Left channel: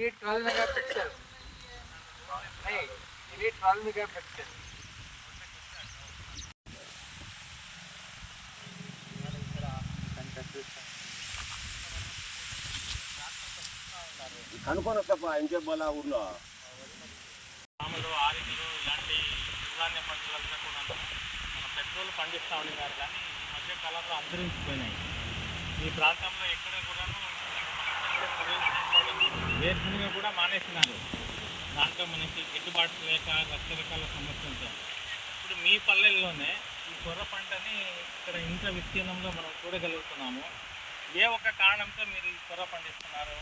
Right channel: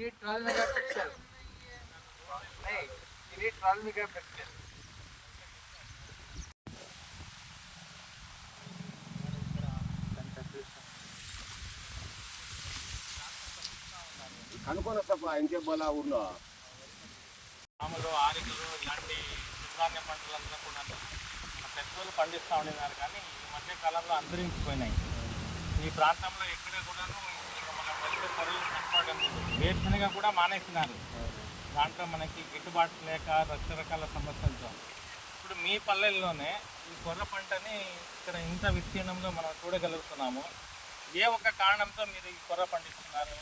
ఇది twelve megapixel. ఇది twelve megapixel. కనుక్కొని వస్తా ఇంకే ఊర్లో. మామూలు ఆరికలు ఇలాంటి సిరిధాన్య పంటలంతా కూడా మన పెద్దలు పండిస్తూ ఉండేవారు కానీ ఈ మధ్య కాలంలో అంతరించిపోయినాయి ఈ ప్రాంతంలో ఎక్కడ కూడాను ఇక మన పెద్ద పొరలు కనపడడం వేరుశనగ కూడా మానేసినారు. దాంట్లో మనకి గిట్టుబాటు లేక రకరకాల సమస్యలతో. ఇప్పుడు మీ పల్లెల్లోనే ఈ కొర్ర పంటని ఇక్కడ ఇంత విస్తీర్ణంలో మనం చూడగలుగుతున్నాము. ఏ ఒక్క కారణంతో మీరు ఈ కొర్ర పండిస్తున్నారు?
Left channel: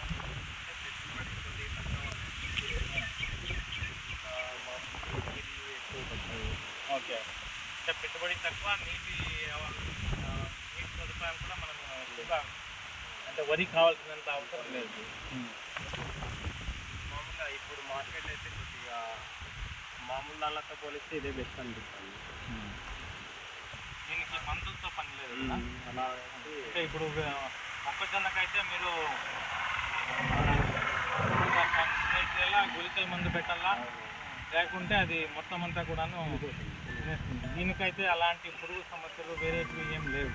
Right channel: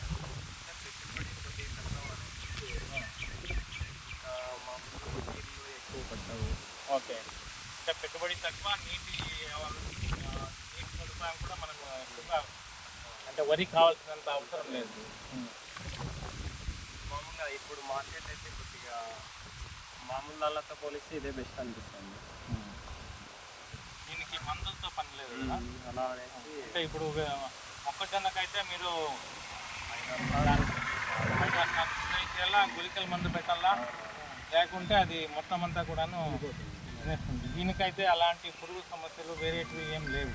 తక్కువ అనేది ఇంకా ఎక్కువ పడతాయి ఓకే. అంటే పెట్టుబడి తక్కువ నీటి నీటి సదుపాయాలు కూడా మనకు ఎక్కువగా అంటే వరి కావాల్సినంత అవసరం లేదు. మామూలుగా ఇప్పుడు మార్కెట్ అయితే కొద్దిగా మామూలు దానితో పోలిస్తే ఇదే బెస్ట్ అనిపిస్తుంది. దీనికి మందులతో పని లేదు అలా అంటే ఇప్పుడు మొక్కజొన్నకైతే మీరు గుళికల మందు పెట్టాలా? లేకుంటే అది మొత్తం అంతా కూడాను. దీనికైతే అలాంటి పురుగు సమస్యలు వేరేటివి ఏం లేవు.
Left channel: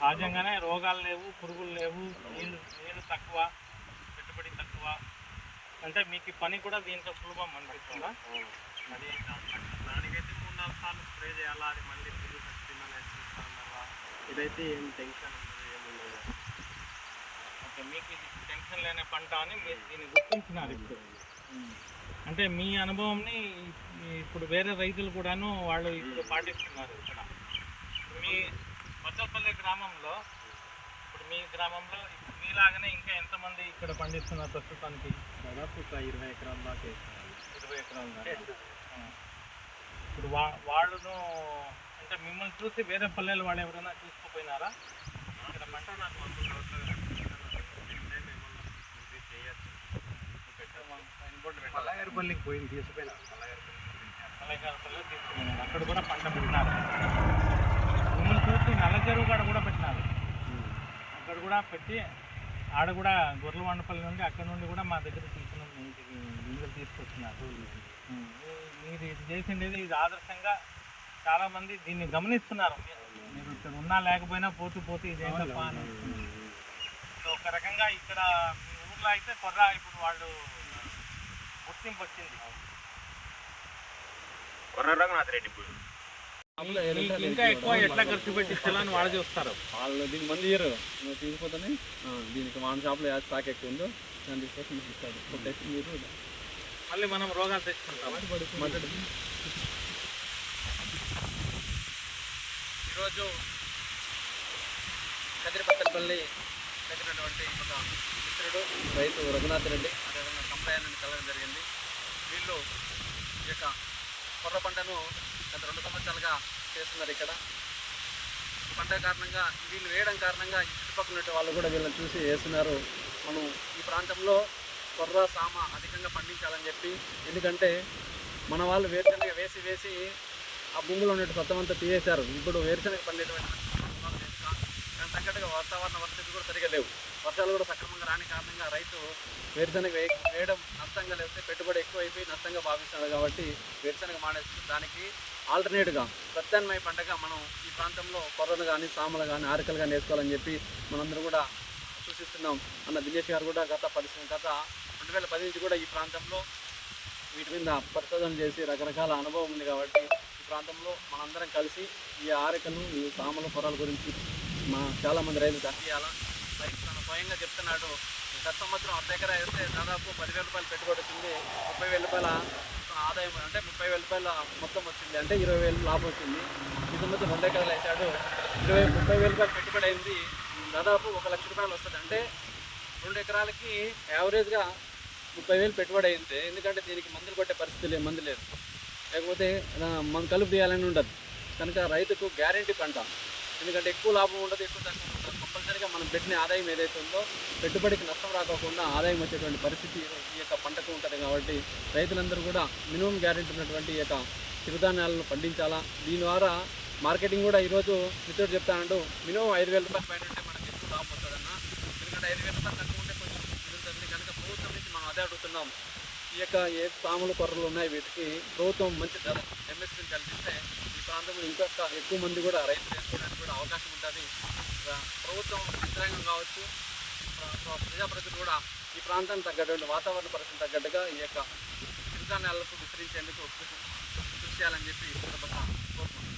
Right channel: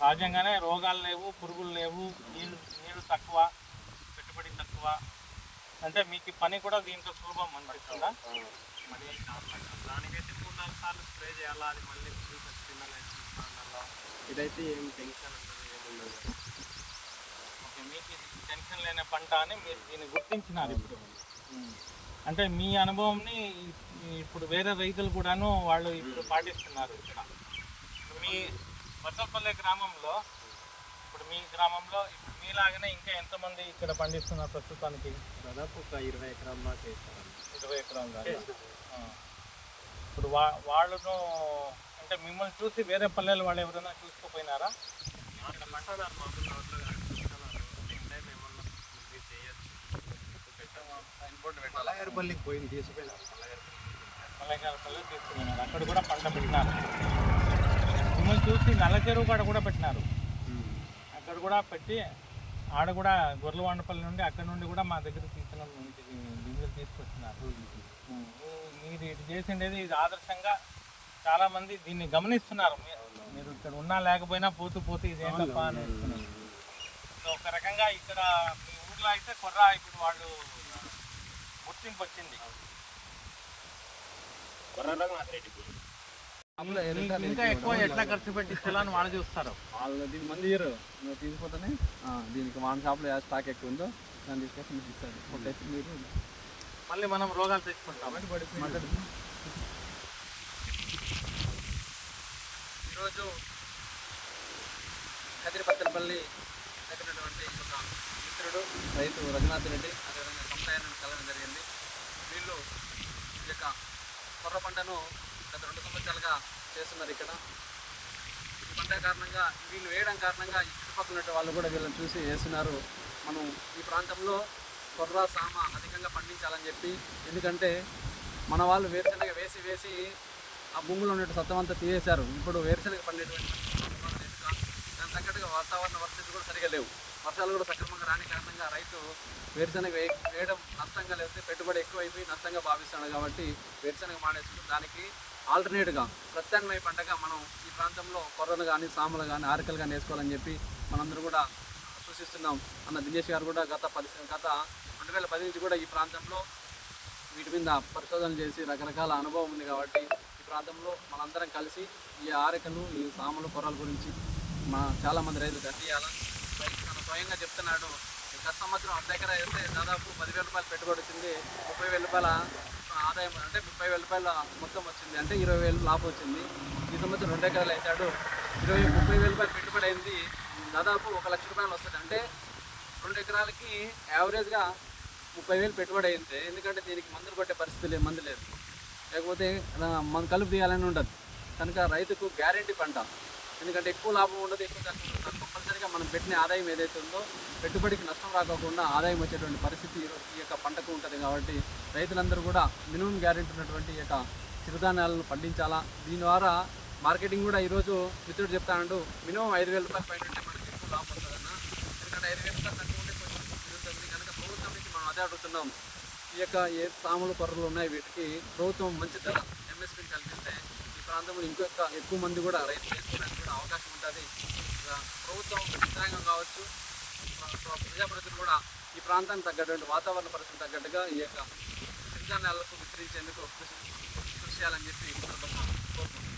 సహజంగానే రోగాలు లేవు పురుగులు లేవు నీళ్ళు నీళ్ళు తక్కువ పెట్టుబడి తక్కువ. అంటే మీకు పని కూడా దీంట్లో సులభం అనిపిస్తుందా? మరి దానికైతే మూడు నాలుగు సార్లు స్ప్రే చేయాలా? అది మళ్ళీ పురుగు చచ్చిందా లేదా? చూసుకోవాలా ఇదైతే ఏం టెన్షన్ ఉండదు ఏముండదు ఓకే మీకు ఇది టెన్షన్ లేని పంట అని మీరు దీన్ని గుర్తించినారు ఇప్పుడు. అంటే మీ అనుభవంని ఇప్పుడు వేరే రైతులు కూడాను వాళ్ళు ఇప్పుడు పాటిస్తున్నారు ఇక్కడ. మీ వత్తలపల్లి గ్రామంలో ఇప్పుడు మీ గ్రామంలో ఇప్పుడు మీలాగానే ఇంకా ఎంతమంది ఇక్కడ పండిస్తున్నారు ప్రస్తుతానికి? దాదాపు ఒక ఇరవై ఎకరాల దాకా వేస్తారండి ఇరవై ఎకరాల దాకా. ఇప్పుడు వా వాళ్ళను అంటే మిమ్మల్ని చూసి వేరే పల్లెలు వాళ్ళు ఎవరైనా చూసుకోపోయినారా? ఇక్కడ మంటున్నారు మామూలు రోడ్లో మల్లగారిపల్లికి పోయి తీసుకుపోయినారు. మల్లెకాలపల్లి తీసుకున్నారు అక్కడ కూడా పంట పెట్టినారు. చూసి నల్ల చెరువు కాడ కూడా పెట్టినారు. అక్కడ కూడా పెట్టి ఆడ కూడా గొర్రెలవాండపల్లి నుండి అక్కడ నుండి కూడా మా దగ్గర తీసుకున్న గింజలు తీసుకొచ్చినారు ఉం. మీరు ఇది చేసిండేది ఇది ఆదర్శంగా చాలా మంది దీన్ని గమనిస్తున్నారు. మీరు ఇక్కడ ఉన్నా లేకపోయినా పోతూ పోతూ సో ఒక రకంగా ఇక్కడ మీ ఊర్లో అయితే కొర్ర ఇప్పుడు వాళ్ళు గుర్తింపు వచ్చింది. కొర్ర రఘునాథ్ రెడ్డి ఇంకా ఎక్కువ ఎట్లా ఖర్చు పెట్టించాలని వాళ్ళు చూస్తారు? వాళ్ళు దీనికి మంది ఇయ్యరు. నువ్వు తీసుకుపోతేనే దీనికి మన షాప్లో ఏ స్టాక్ ఎక్కువ ఉందో దాన్ని తీసుకొచ్చి మీకు ఇస్తారు. కొట్టేసి మీరు మళ్ళీ మనం రోగాలు తెచ్చుకుంటాం ఈరోజు కదిరిపత్తలపల్లి తగినటువంటి ఒక మిత్రుడు రైతు రఘునాథ్ రెడ్డి. అదేవిధంగా కమలయ్యను కలవడం జరిగింది. వీళ్ళు ఈ యొక్క కొర్ర పంటను గత రెండు సంవత్సరాలుగా చేస్తున్నారు ఇక్కడ. పంట కారణంగా వీళ్ళు వేయడం కారణంగా చుట్టుపక్కల వాళ్ళు కూడా వీళ్ళని చూసి వేస్తున్నారు. మనం ఈ ప్రాంతంలో కొర్ర సామ అధికంగా పండించాలని చెప్పి ఎందుకంటే మన వాళ్ళు వేరుశనగ వేసి వేసి ఆ భూమిలో ఉన్న సత్తం అంతా తీసేశారు. ఇప్పుడు వేరుశనగ పండేటువంటి దాని దానికి తగ్గట్టుగా వాతావరణ పరిస్థితులు కూడా సరిగా లేవు. వర్షాలు కూడా సక్రమంగా రాని కారణంగా రైతు వేరుశనగ వేయడం నష్టంగా లేకపోతే పెట్టుబడి ఎక్కువైపోయి నష్టంగా భావిస్తున్నాడు కాబట్టి వేరుశనగ మానేస్తుంది దానికి ఆల్టర్నేట్గా ప్రత్యామ్నాయ పంటగా మనం ఈ ప్రాంతంలో కొర్రలు కానీ సామలు కానీ ఆరికలు కానీ వేసుకోవాలని చెప్పి మనందరూ కూడా సూచిస్తున్నాం అన్న దినేష్ గారు కూడా గత పది గత రెండు వేల పది నుంచి కూడా ఈ ప్రాంతంలో వీటి మీద పరిశోధన చేసి రకరకాల అనుభవం ఉంది కాబట్టి ఈ ప్రాంతంలో మనందరం కలిసి ఈ ఆరికలు ఈ సామలు కొర్రల గురించి మా చాలామంది రైతులు అందియాల తన స్వయంగా చెప్తున్నాడు గత సంవత్సరం అర్ధ ఎకరా వేస్తే దాదాపు పదివేల రూపాయలు పెట్టుబడి వచ్చింది ముప్పై వేల రూపాయల ఆదాయం అంటే ముప్పై వేల రూపాయల మొత్తం వచ్చింది అంటే ఇరవై వేలు లాభం వచ్చింది. ఈ సంవత్సరం రెండు ఎకరాలు వేసాడు ఇరవై ముప్పై వేల రూపాయలు పెట్టుబడి అయింది దాదాపు ఒక లక్ష రూపాయలు వస్తుంది. అంటే రెండు ఎకరాలకి యావరేజ్గా ముప్పై వేలు పెట్టుబడి అయింది ఎందుకంటే దీనికి మందులు కొట్టే పరిస్థితి లేదు మందు లేదు. లేకపోతే మన మనం కలుపు తీయాలని ఉండదు. కనుక రైతుకు గ్యారంటీ పంట ఎందుకంటే ఎక్కువ లాభం ఉండదు ఎక్కువ తక్కువ కంపల్సరీగా మనం పెట్టిన ఆదాయం ఏదైతే ఉందో పెట్టుబడికి నష్టం రాకోకుండా ఆదాయం వచ్చేటువంటి పరిస్థితి ఈ యొక్క పంటకు ఉంటుంది కాబట్టి రైతులందరూ కూడా మినిమం గ్యారెంటీ ఉన్నటువంటి ఈ యొక్క చిరుధాన్యాలను పండించాలా? దీని ద్వారా మార్కెటింగ్ కూడా ఈరోజు మిత్రుడు చెప్తానండు మినిమం ఐదు వేల రూపాయల పైన ఉంటే మనకి ఎక్కువ లాభం వస్తుందన్న. ఎందుకంటే ఐదు వేల రూపాయలు తక్కువ ఉంటే కొంచెం కనుక ప్రభుత్వం నుంచి మనం అదే అడుగుతున్నాం. ఈ యొక్క ఏ సాములు కొర్రలు ఉన్నాయి వీటికి ప్రభుత్వం మంచి ధర ఎంఎస్పీని కల్పిస్తే ప్రాంతంలో ఇంకొక ఎక్కువ మంది కూడా రైతులు చేసుకోవడానికి కూడా అవకాశం ఉంటుంది. ప్రభుత్వం యంత్రాంగం కావచ్చు ప్ర- ప్రజాప్రతినిధులు కూడా ఈ ప్రాంతానికి తగ్గటువంటి వాతావరణ పరిస్థితి తగ్గట్టుగా ఈ యొక్క సిరిధాన్యాలకు విస్తరించేందుకు కృషి చేయాలని చెప్పి కోరుకుంటున్నాను.